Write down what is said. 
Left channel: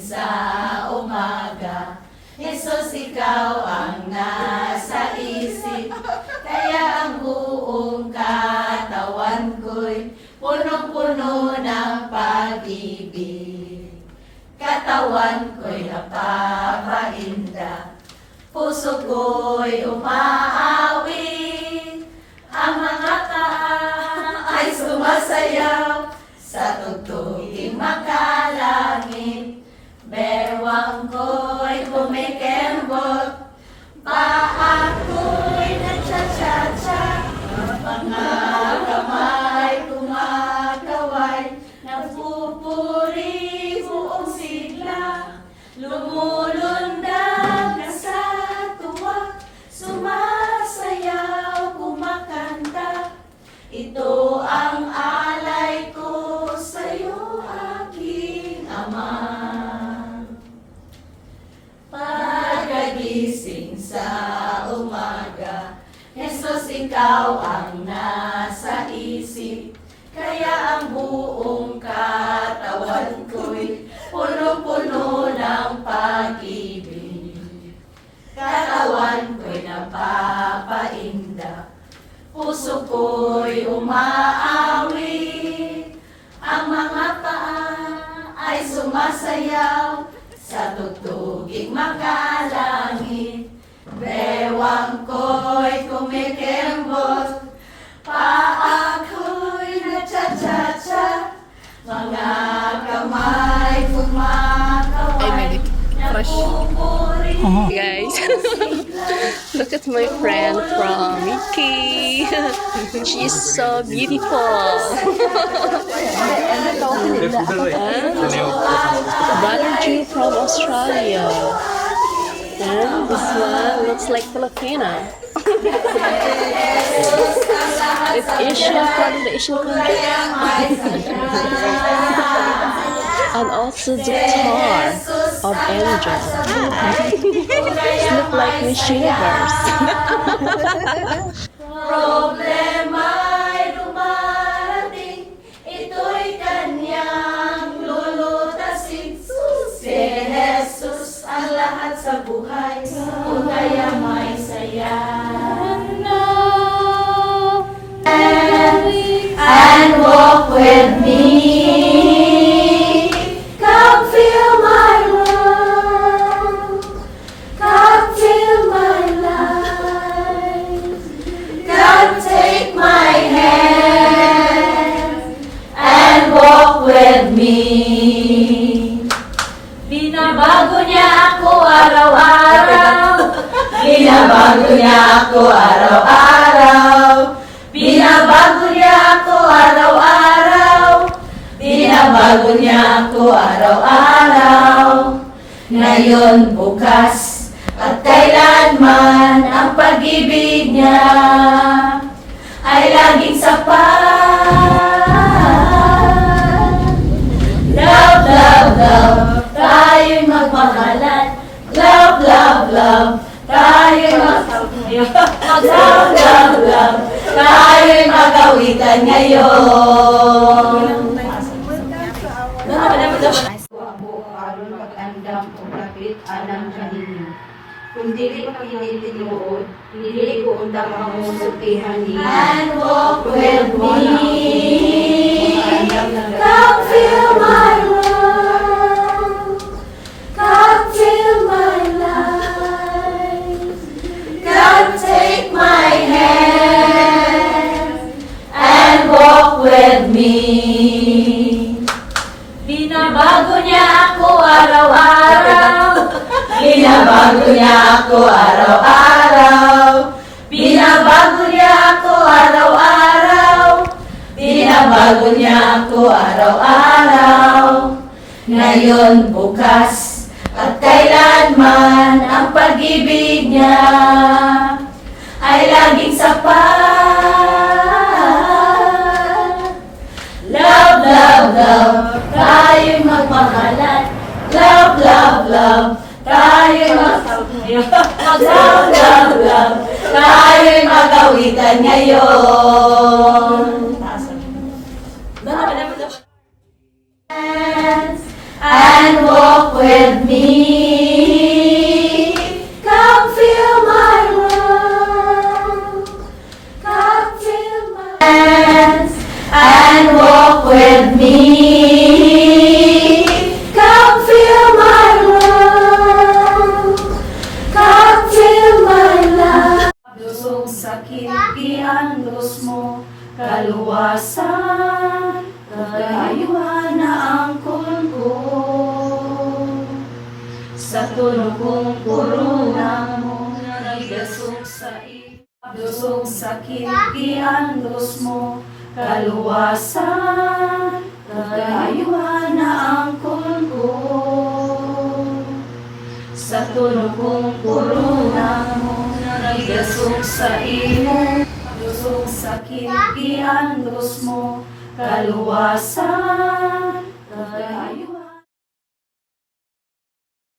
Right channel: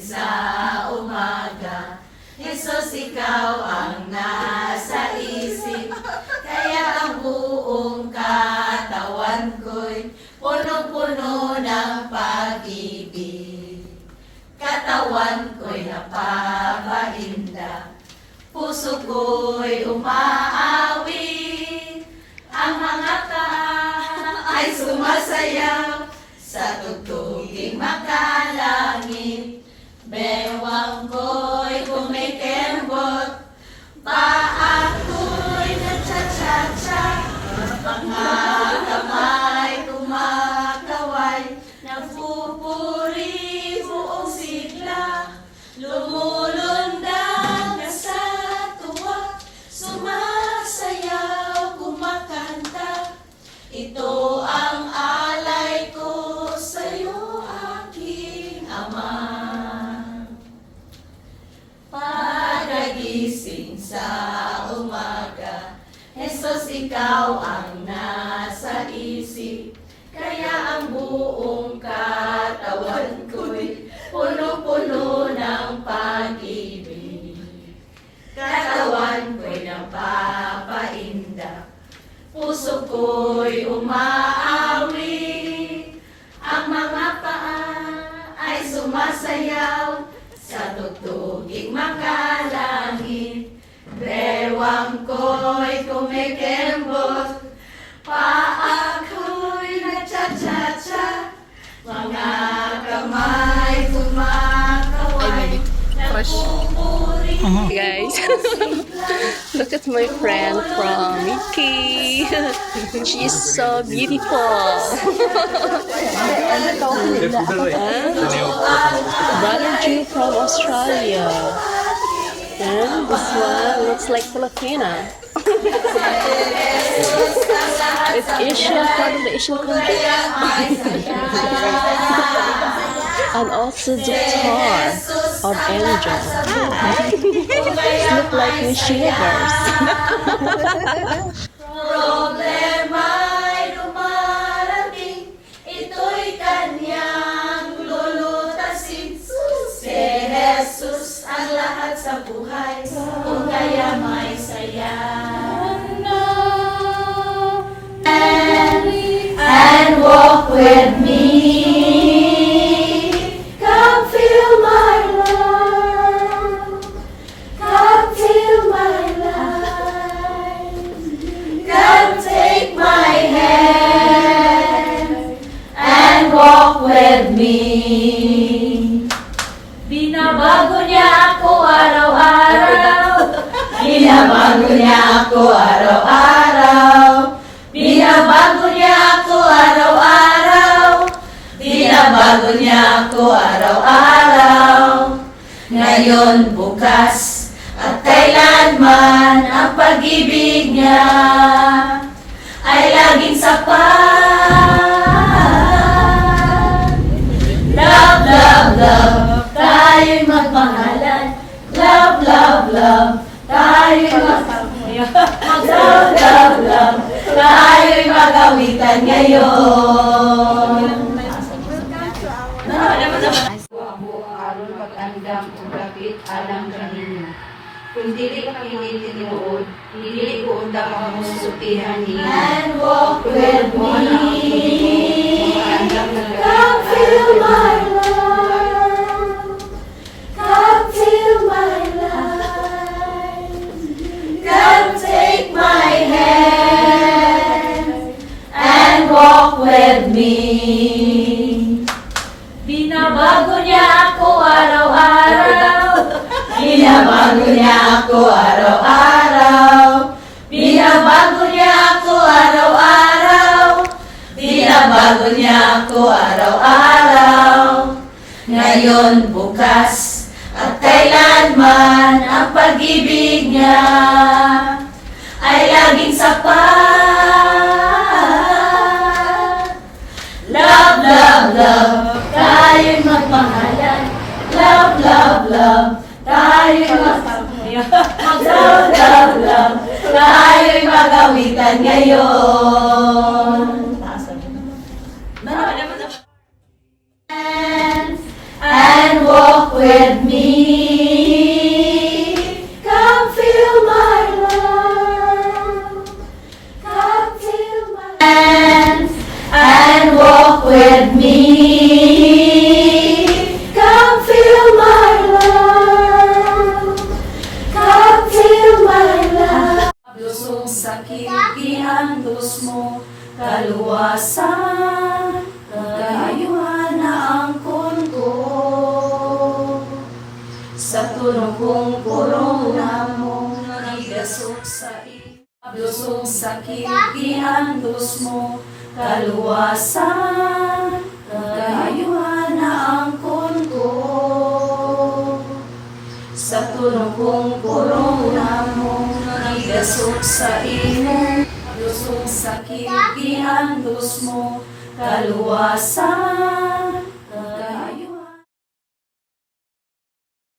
sa umaga. Jesus, ikaw ang nasa isip, kaya ang buong katawan ko'y punong-puno ng pag-ibig. Katawan ko'y napapainda, puso ko'y umaawi, ang mga paa ay sumasayaw sa tugtuging makalangit. Bewang ko'y kumikembot, paa ko'y nagtsa-tsa-tsa, mga kamay kumakaway, napupuri buong sigla, lumulundag na sa tuwa, sumasayaw kumakanta. Ito ang alay ko sa'yo, aking Ama. Pagkagising sa umaga, Jesus, ikaw ang nasa isip, kaya ang buong katawan ko'y puno-puno ng pag-ibig. Katawan ko'y napapainda, puso ko'y umaawi, ang mga paa ay sumasayaw sa tugtuging makalangit. Bewang ko'y kumikembot, paa ko'y nagtsa-tsa-tsa, mga kamay kumakaway, napupuri. Guys, look at my friend from Mickey. She's so beautiful. And brother Jew from Australia. And this one looks like Filipina. It's Asian, part of the Asian country. And also the guitar of Angel. It looks like Miss Universe. Problema'y dumarating, ito'y kanyang lulutasin. Si Jesus ang lahat sa buhay, kung kaya may saya. And walk with me. Come feel my love. Come feel my life. Come take my hand and walk with me. Binabago niya ako araw-araw. Binabago niya ako araw-araw. Binabago niya ako araw-araw. Binabago niya ako araw-araw. Ngayon, bukas, at kailanman ang pag-ibig niya ay laging sapat. Love, love, love, tayo'y magmahalan. Love, love, love, tayo'y love, love, love, tayo'y magawitan ngayon. Aron mag-andam o kapit alang kanina. Kung dili pakingitinuod, dili ko undang ang musupihan niya. And walk with me. Come feel my love. Come feel my life. Come take my hand and walk with me. Binabago niya ako araw-araw. Binabago niya ako araw-araw. Binabago niya ako araw-araw. Binabago niya ako araw-araw. Ngayon, bukas, at kailanman ang pag-ibig niya ay laging sapat. Love, love, love, tayo'y magmahalan. Love, love, love, tayo'y mag-love, love, love, tayo'y magawitan ngayon. And walk with kilgiandos mo, kaluwasan, kagayuhan na angkon ko. Sa tunong corona mo, nagigasog sa imong, lusog sa kilgiandos mo, kaluwasan,